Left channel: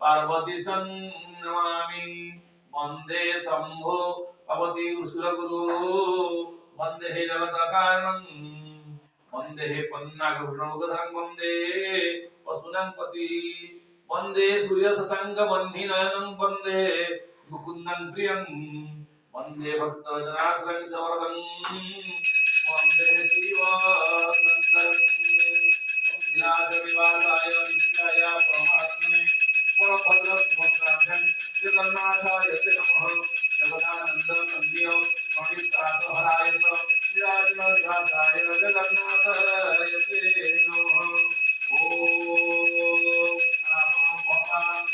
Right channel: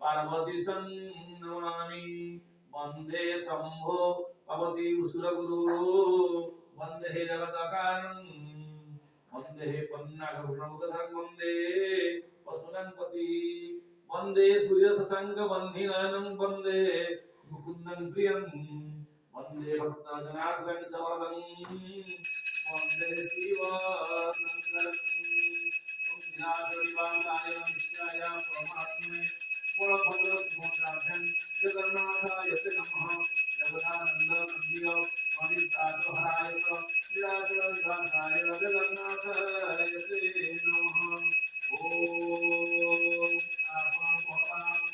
पार्वती नमामि वंदे शंभो भगवती उसुरगुरु वंदे जगत्कारणं वंदे पन्नागभूषणमुखधरं वंदे पशूनांपति वंदे सूर्यसंगबन्धिनानं वंदे मुकुन्दं प्रियं वंदे भक्तजनाश्रयं च वरदं वंदे शिवशङ्करं विराजविवादाय नित्याय परमात्मने परमभद्रसुभद्राभ्यां जगन्नाथाय ते नमः जगदानन्दकन्दिय पण्डिताहराय च विराजविवादाय जगन्नाथाय ते नमः ॐ आपनं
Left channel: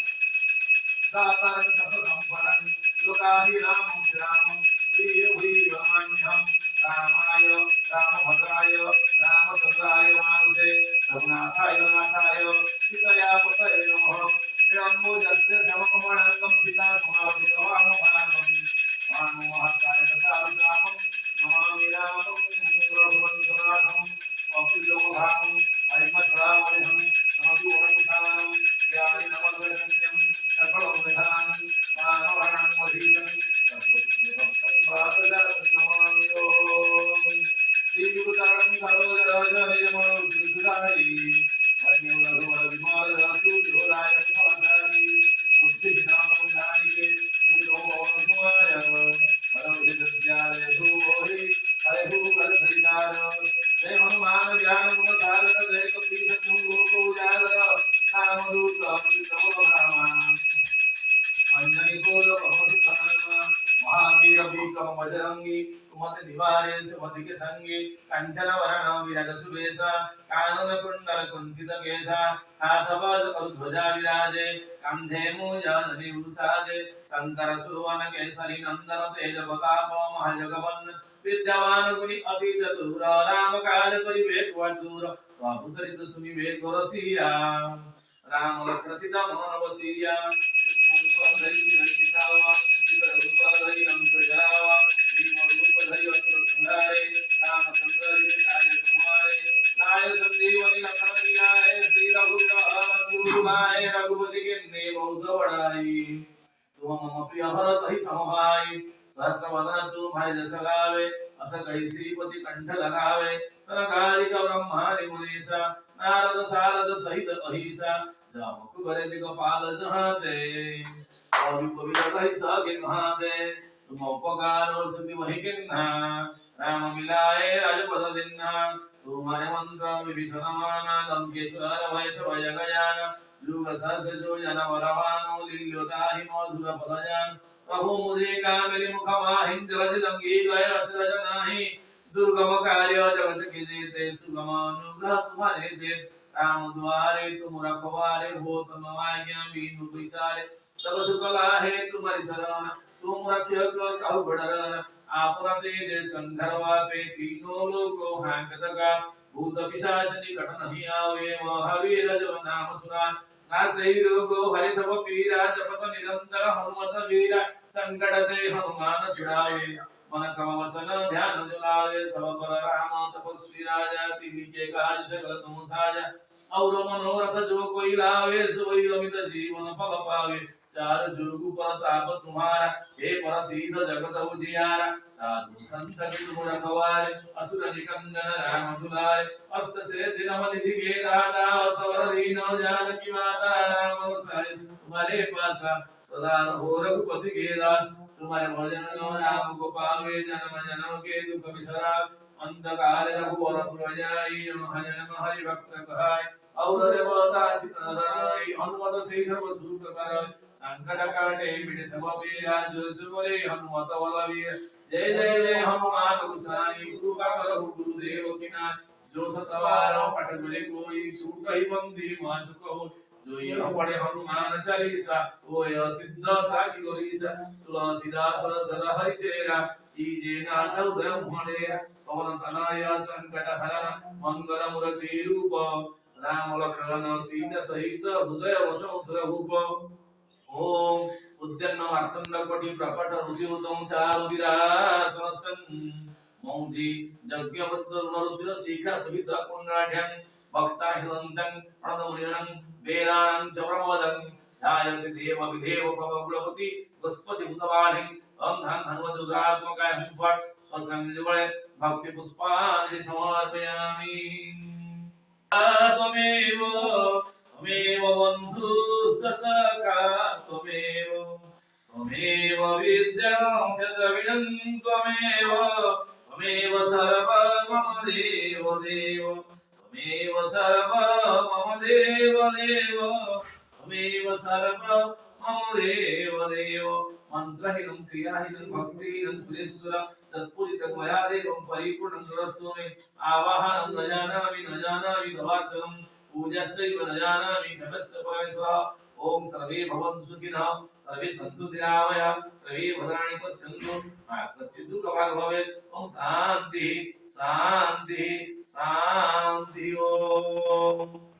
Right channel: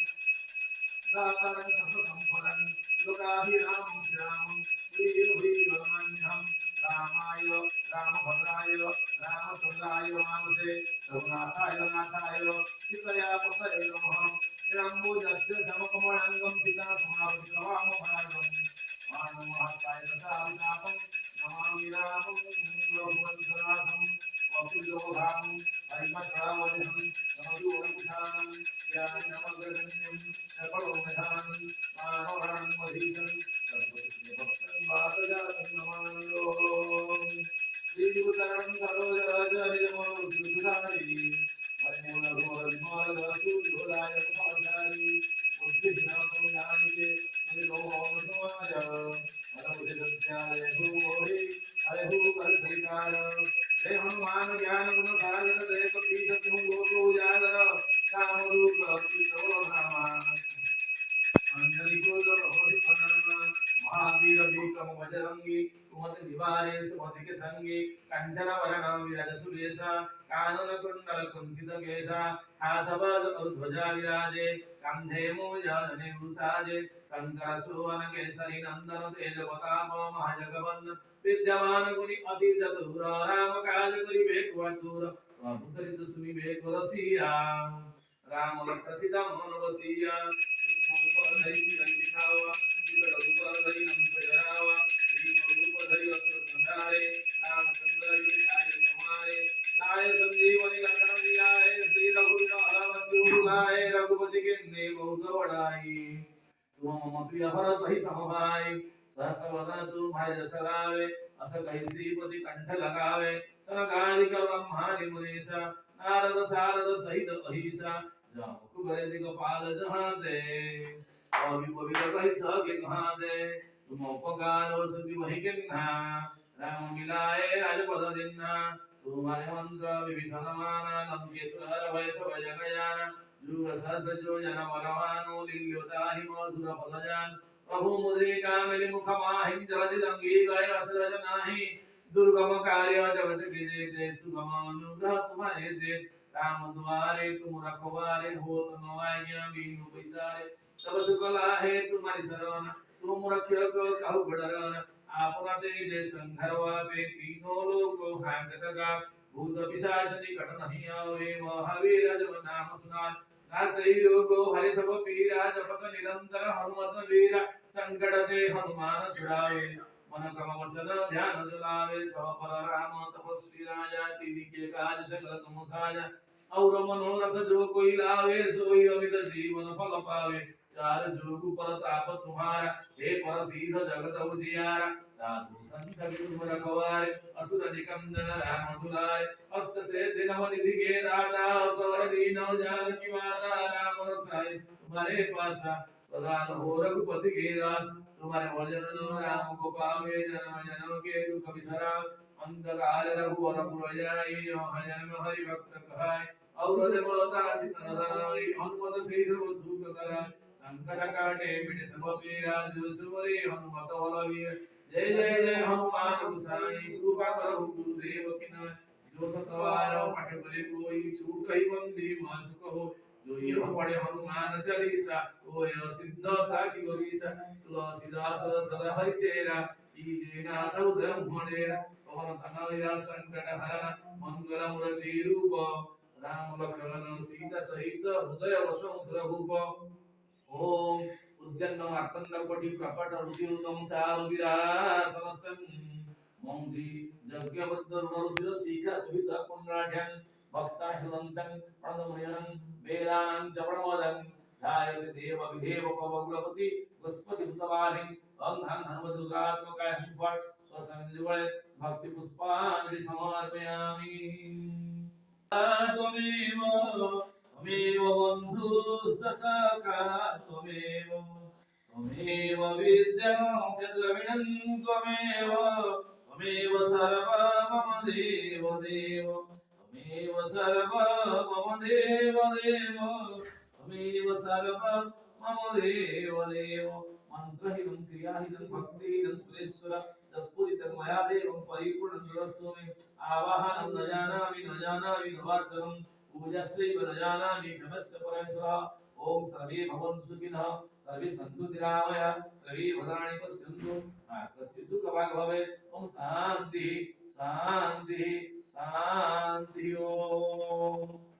दातारं सर्वसम्पदं लोकाभिरामं श्रीरामं प्रियभूयमान्यं रामाय रामभद्राय रामचन्द्राय मारुते रघुनाथाय नाथाय सीतया पतये नमः रामोजस्य समकमलाङ्गं सीता समावितवामभागं मानमहाकाय दशारुद्रापं नमामि रामं रघुवंशनाथं अप्रियमभागं ऐकश्रावणिहं नमो वनकुशानं ज्ञानि नमगगण्यं सकलं निधानं मानवाणां मधीतं सर्वभक्तं वासुदेवं नमामि ॐ श्रीयुतां सरोजराजनिजमनोजुधारी वन्यवधूवर विमालदासु जोराय मुखाधारी बुद्धिविनाशं ज्ञानिके निरोधमाय परमविद्यालय धूहि हरिहु करसहितार जय हनुमान ज्ञान गुण सागर जय कपीश तुंगो को उजागर रामदूत अच्युतवधामा अंजनी कोल बहुधुतनामा महावीर विक्रम बजरंगी कुमति निवारे सुमति के संगी कंचन वरण विराज सुबेसा कानन कुंडल कुंचित केसा हाथ बाज ध्वजा विराजे कंधे मूंजनि उसाजे शंकर सुवन केसरी नंदन तेज प्रताप महाजगवंदन विद्यावान गुणी अति चतुर राम काज करिबे कुआतुर प्रभु चरित सुनिबे गोरसिया राम लक्ष्मण सीता मन बसिया रघुपति के ने बहुत बड़ाई तुम मम प्रिय भरत ही समभाई सहस्रवदन तू भाई जस गावे अस कहि श्रीपति कंठ लगावे सनकादिक ब्रह्मादि मुनीसा नारद सारद सहित अहिसा जामक बरे दिगपाल जहाते और पवित्र कहि सके कहाते तुम उपकार और सुखी वही किन्हा राम मिलाए राजपद दिन्हा तुम्हारे मंत्र विभीषण माना लंकेश्वर भय सब जगयान जुग सहस जो जन वरवानो दिव्योताहि मधुर पदजान प्रभु मुद्रिका मेरे मुख माहिं जलज लंघी गए अचरज नाही दुर्गम कार्य जगत के जेते सुगम अनुग्रह तुम्हारे दे राम द्वारे तुम रखवारे हो तुम आज्ञा बिनु बिसारे सब सुख लाहे तुम्हारी शरण तुम रक्षक कहु बड़रन आपना तेज संघरवा पे तीनों लोको हांकत का भूत पिशाच निकट नहीं आवे महावीर जब नाम सुना नासै रोगो हरि सब पीरा जपत निरंतर हनुमत वीरा संकट ते हनुमान छुड़ावे मन क्रम वचन ध्यान जुलावे सब पर राम तपस्वी राजा तिनके काज सकल तुम साजा और मनोरथ जो कोई लावे सोई अमित जीवन फल पावे चार जुग प्रताप तुम्हारा हे परसीद जगत उजियारा साधु संत गुरु रखवारे असुर निकंदन राम दुलारे अष्ट से दिन निधि के दाता सवर दीन जानकी माता राम रसाय तुम्हारे पासा सदा रहो रघुपति के दास तुम्हारे भजन राम को पावे जन्म जन्म के दुख बिसरा अंत काल रघुवर पुर जाई जन्म हरि भक्त कहाय और देवता चितनाई हनुमत से सब सुख कर संकट काटे मिटे सब पीरा जो सुमरे हनुमत बलवीर जय जय जय हनुमान गोसाई कृपा करो गुरुदेव की ना जो सतवार पठ करे कोई छूट ही बंदी मास कहो जो यह पढ़े हनुमान चालीसा वो यह सिद्ध साखी गोरीसा तुलसीदास सदा हरि चेरा कीजे नाथ उदय मुहडेरा पवन तनय संकट हरण मंगल मूर्ति रूप राम लखन सीता सहित हृदय वसं सुरभूप ओम उद्यन्न मार्तंड कोटि प्रकट रुचि उत्तम चारु विरासनस्तम मौजी यज्ञ वृत्त रुचिर शिखा सुवित पुण्यढ्यं भक्ता शरन्तं प्रणमुनिरं वेदानं च प्रमोदं ध्यायन्ति देव विदेव प्रभुकुलपति बृहस्पति भूतवाहिं ओम धन हनुमत रुद्रात्मकाय हुं फट् तत्संयुगले भक्ति पुष्पांजलि समर्पयामि त्वमेव त्वमेव बन्धुश्च सखा त्वमेव त्वमेव विद्यां च द्रविणं त्वमेव त्वमेव सर्वं मम देव देव त्वमेव सर्वं मम देव देव त्वमेव सर्वं मम देव देव मंत्रहीनं क्रियाहीनं भक्तिहीनं सुरेश्वर तत्पूजितं मया देवं परिपूर्णं गुरस्तु मे आवाहनं न जानामि दवाचनं पूजश्चैव न जानामि कतस्य परमेश्वर ओम सर्वे भवन्तु सुखिनः सर्वे सन्तु निरामया सर्वे भद्राणि पश्यन्तु मा कश्चित् दुःखभाग् भवेत् ओम शान्ति शान्ति शान्ति ओम